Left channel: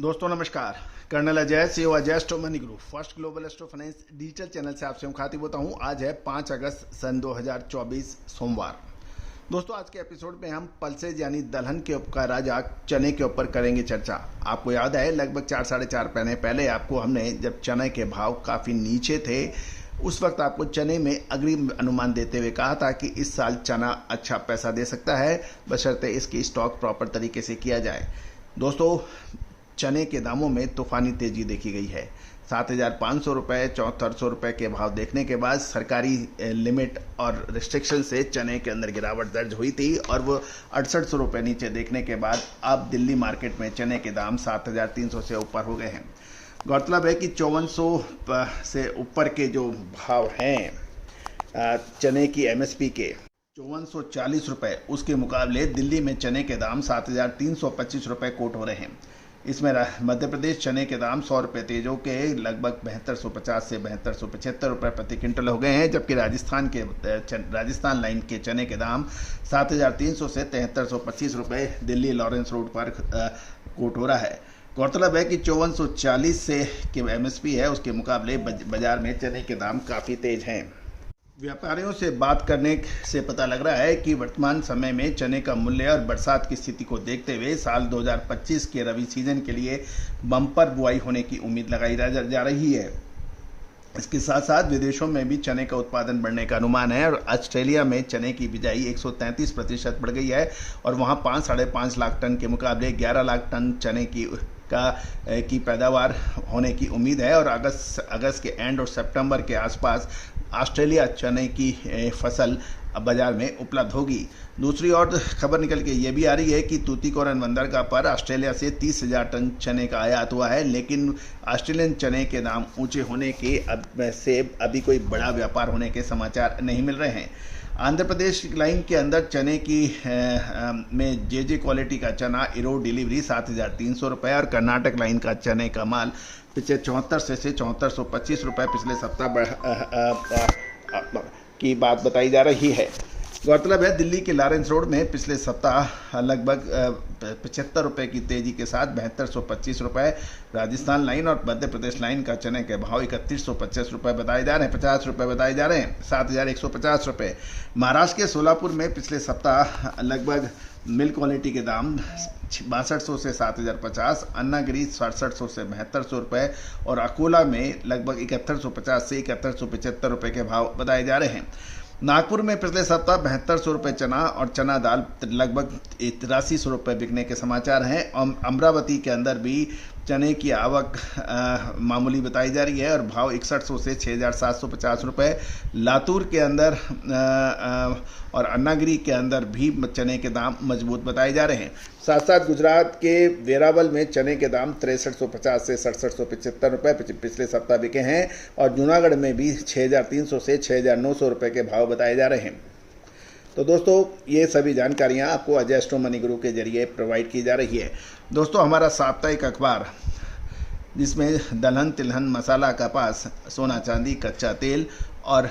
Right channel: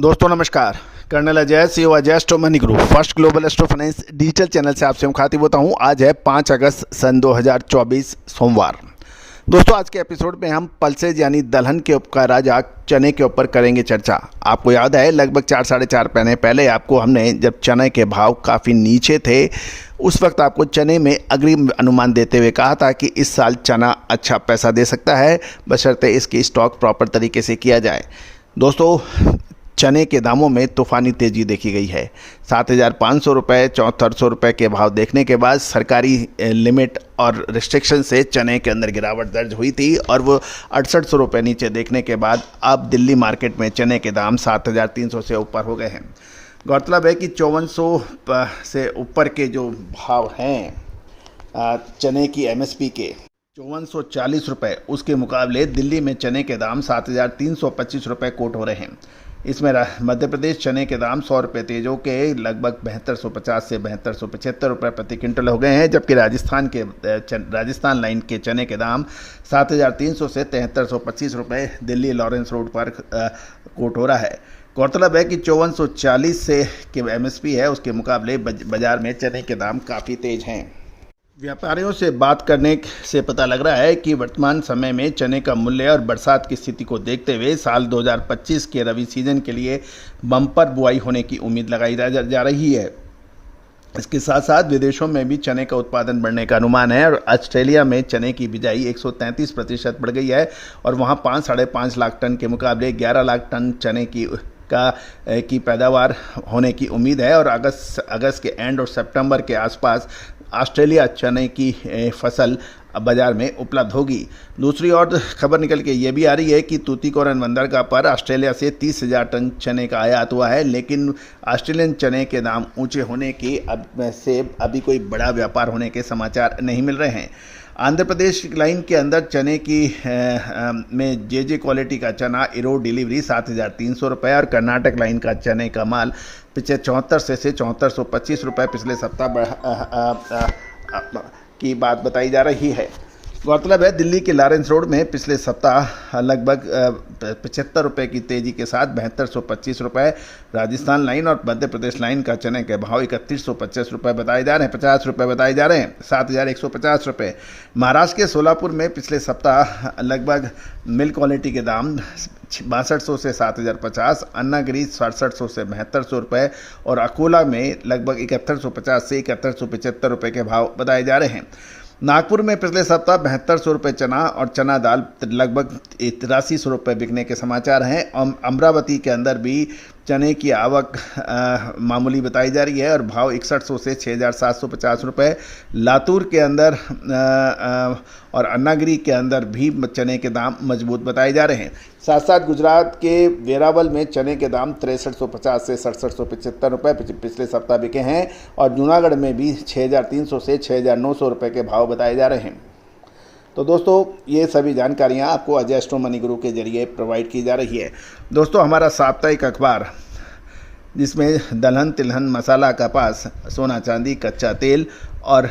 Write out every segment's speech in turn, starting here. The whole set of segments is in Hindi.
दोस्तों नमस्कार। Colonel Ajay CEO Ajay astro money group first global astro finance digital channel से आपसे मुखातिब होता हूं। आज है 5 अगस्त सन 2024 सोमवार। दोस्तों आज के एपिसोड में हम पल्सेज यानी दलहन के उपका राजा चने के ऊपर करेंगे चर्चा। आपको याद है लगभग 4-4.5 महीने पहले आपको हमने जब चने के भाव काफ़ी नीचे थे उस वक्त आपको चने में अग्रिम अनुमान देते हुए कहा था कि इस साल चना अच्छा पैसा दे सकता है, बशर्ते इसकी स्टॉक प्रॉपर तरीके से किया जाए। दोस्तों चने के दामों में तूफ़ानी तेज़ी देखी गई है। 7,500 रुपये 7,400 रुपये के भाव देखने के बाद सरकारी लिमिट और रिस्ट्रिक्शन से चने के अंदर गिरावट दर्ज हुई थी और वो 6,800 रुपये नीचे देखने के बाद अब दिल्ली मार्केट में चने के दाम 7,300 से ऊपर हो गए हैं। गौरतलब है कि 5,400 से ऊपर के जो भाव हैं चने की एमएसपी के 5,440 रुपये, उसके मुकाबले दिल्ली में चने के दाम 7,325 रुपये कोट हो रहे हैं। इसमें मध्य प्रदेश चने के दाम 100 रुपये तेज के लगभग 7,250 से 7,275 रुपये प्रति क्विंटल हो गए हैं, जबकि राजस्थान लाइन के चने के दाम 7,300 से 7,325 रुपये दिल्ली लॉरेंस रोड पर कोट हो रहा है। गौरतलब है कि 5,440 से के एमएसपी है, उसके मुकाबले बाजार में चने के दाम काफ़ी तेज हैं। व्यापारियों से बात करने से पता लग रहा है कि वर्तमान समय में चने का मूल्य और बरसात की स्थिति को देखते हुए साल 2025 के रबी सीजन के लिए बम्पर बुआई होने की उम्मीद लगाई जा रही है। इसके साथ साथ विदेशों में भी चने का उत्पादन बढ़ने का अनुमान है और ऑस्ट्रेलिया में चने की बिजाई 133% बढ़ गई है और वहाँ 5-5.5 लाख टन के मुकाबले 11 लाख टन चने की पैदावार होने की उम्मीद है और अगस्त के एंड और सितंबर के आसपास ऑस्ट्रेलिया चने की फसल बाजार में उपलब्ध होगी। दूसरी ओर खबर निकल के ये भी आ रही है कि तूतीकोरन बंदरगाह पर ऑस्ट्रेलिया से 30,000 टन चने का आयात हुआ है, लेकिन ऑस्ट्रेलियन चने के दाम ऊंचे होने के अभी कोई बड़ा व्यापार होने के समाचार नहीं मिल रहे हैं। आंध्र प्रदेश लाइन के अंदर चने की में जे क्वालिटी का चना इरो डिलीवरी 7,300 रुपये और कर्नाटक लाइन का चने का माल पिछले 74 से 7,425 रुपये पिछले सप्ताह की बात बताई जा रही है। गौरतलब है दिल्ली के लॉरेंस रोड में पिछले सप्ताह लगभग 75 रुपये की तेज़ी के साथ 7,225 रुपये राजस्थान लाइन और मध्य प्रदेश लाइन का चने के भाव 3,150 रुपये बताए जा रहे हैं, 50 रुपये बताए जा रहे हैं, 7,150 रुपये। महाराष्ट्र के सोलापुर में पिछले सप्ताह लगभग मिल्क क्वालिटी के दाम 6200 से 7,050, अन्नागिरी 6700 से 7,200 रुपये और अकोला में लगभग 7,150 से 7,175 रुपये के भाव बताए जा रहे हैं। नागपुर में पिछले सप्ताह 7,200 रुपये चना और चना दाल लगभग 8,300 रुपये बिकने के समाचार हैं। अमरावती के अंदर भी चने की आवक मामूली बताई जा रही है और भाव 6,100 से 6,750 रुपये। लातूर के अंदर और अन्नागिरी के अंदर भी चने के दाम मजबूत बताए जा रहे हैं। साथ साथ गुजरात के वेरावल में चने के दाम 6,350 से 6,775 रुपये पिछले सप्ताह बिके हैं और जूनागढ़ में भी 6,300 से 6,900 रुपये के भाव बताए जा रहे हैं। तो दोस्तों ये सभी जानकारियाँ आपको अजय एस्ट्रो मनी गुरु के जरिए प्रोवाइड की जा रही है। दोस्तों हमारा साप्ताहिक अखबार जिसमें दलहन तिलहन मसाला कपास सोना चांदी कच्चा तेल और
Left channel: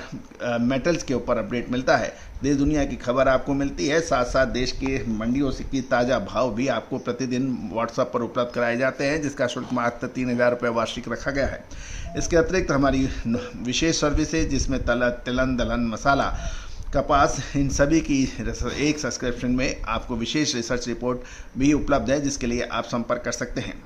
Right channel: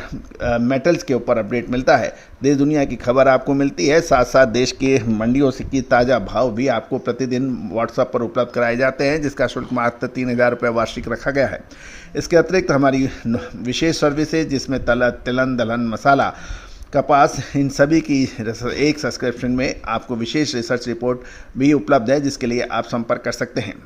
मेटल्स के ऊपर अपडेट मिलता है। देश दुनिया की खबर आपको मिलती है, साथ साथ देश के मंडियों से की ताज़ा भाव भी आपको प्रतिदिन व्हाट्सएप पर उपलब्ध कराए जाते हैं, जिसका शुल्क मात्र 3,000 रुपये वार्षिक रखा गया है। इसके अतिरिक्त हमारी विशेष सर्विसेज जिसमें तिलहन दलहन मसाला कपास इन सभी की एक सब्सक्रिप्शन में आपको विशेष रिसर्च रिपोर्ट भी उपलब्ध है, जिसके लिए आप संपर्क कर सकते हैं।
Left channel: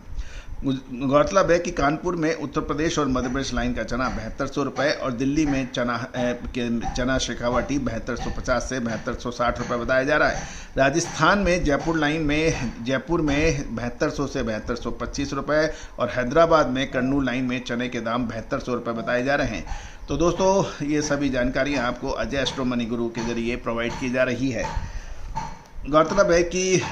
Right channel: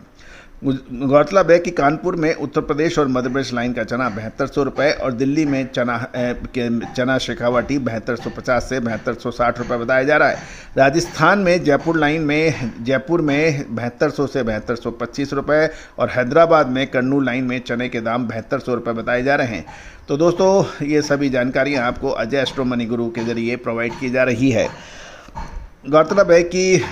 गौरतलब है कि कानपुर में उत्तर प्रदेश और मध्य प्रदेश लाइन का चना 7,200 रुपये और दिल्ली में चना शेखावटी 7,250 से 7,260 रुपये बताया जा रहा है। राजस्थान में जयपुर लाइन में 7,200 से 7,225 रुपये और हैदराबाद में कन्नूर लाइन में चने के दाम 7,200 रुपये बताए जा रहे हैं। तो दोस्तों ये सभी जानकारियाँ आपको अजय एस्ट्रो मनी गुरु के जरिए प्रोवाइड की जा रही है। गौरतलब है कि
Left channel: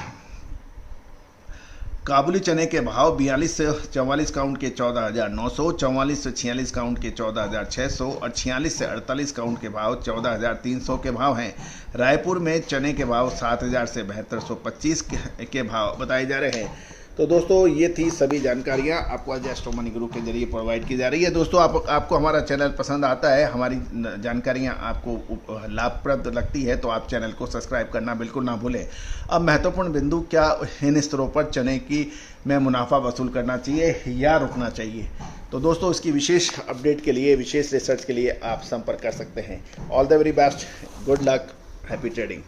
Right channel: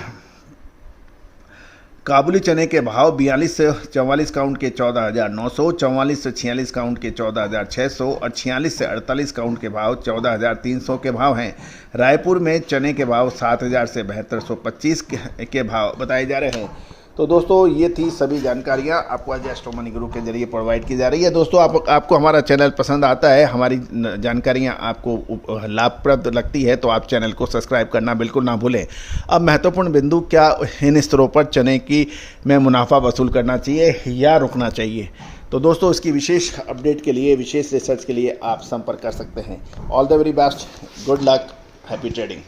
काबुली चने के भाव 42 से 44 काउंट के 14,900, 44 से 46 काउंट के 14,600 और 46 से 48 काउंट के भाव 14,300 के भाव हैं। रायपुर में चने के भाव 7,000 से 7,225 के भाव बताए जा रहे हैं। तो दोस्तों ये थी सभी जानकारियाँ आपको आज एस्ट्रो मनी गुरु के जरिए प्रोवाइड की जा रही है। दोस्तों आपको हमारा चैनल पसंद आता है, हमारी जानकारियाँ आपको लाभप्रद लगती है तो आप चैनल को सब्सक्राइब करना बिल्कुल ना भूलें। अब महत्वपूर्ण बिंदु, क्या इन स्तरों पर चने की में मुनाफा वसूल करना चाहिए या रुकना चाहिए, तो दोस्तों इसकी विशेष अपडेट के लिए, विशेष रिसर्च के लिए आप संपर्क कर सकते हैं। All the very best, good luck, happy trading.